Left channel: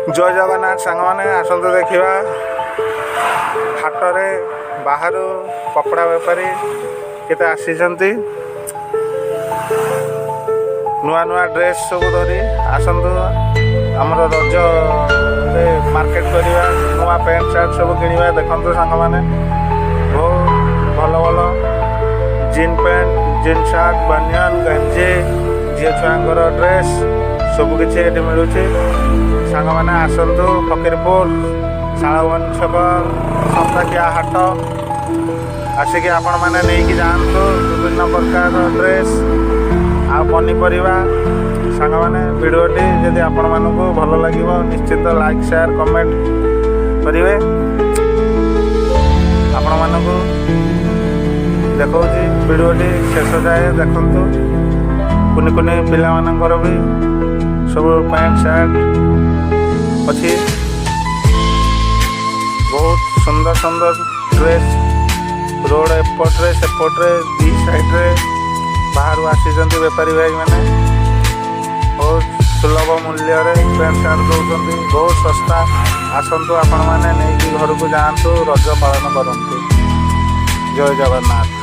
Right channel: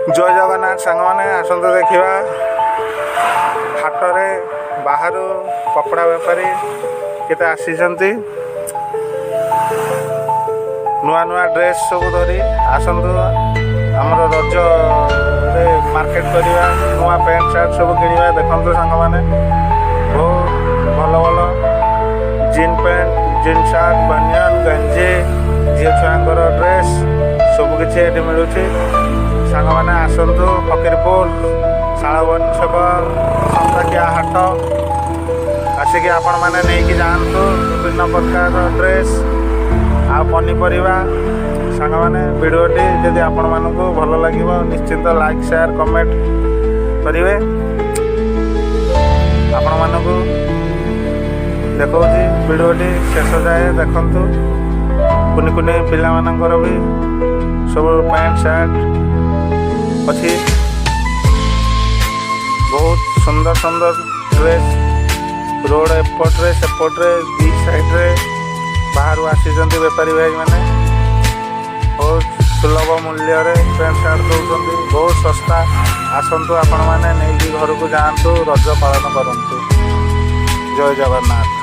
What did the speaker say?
जय जगन्नाथ सांग मैंने आसतु देखा हाटरे बाहर कपड़ा बेपारी केते आसी नुआ नुआ ड्रेस सब धरी आसतु आमर रज रे मार्केट करवा नुआ पैंट सार्ट सब किणवा देखु सांग मैंने बहुत भल भल जीन पैंट जीन सार्ट बनियान गंजी झील छुआर ड्रेस सबकि ये मिलूँ सांग मैंने आसतु फकीरपुर शालवन छक सप्ताकिया हाट आसिक आपण मैंने नहीं जातु विभिन्न प्रकार ड्रेस आ पनीपरिया सांग मैंने भिडियोटी जदि आपण मानक भल लगे निश्चिंत लाइक शेयर कमेंट करेंगे आपण मानक देखा भिडियोटी शेष जाए देखु कुनि कुनि पिला मानकर भी सब पैंट सार्ट अच्छी बहुत सुंदर सुंदर ड्रेस रोड एपट्रे सेपट्रे दी साइड्रे बाहर आसी बेपारी भाई मैंने बहुत सुलभ मूल्य पैंट सार्ट दौरान बहुत सस्ता आसतु आपण मैंने नहीं घर को जातु रज पालन करूँ। जय जगन्नाथ।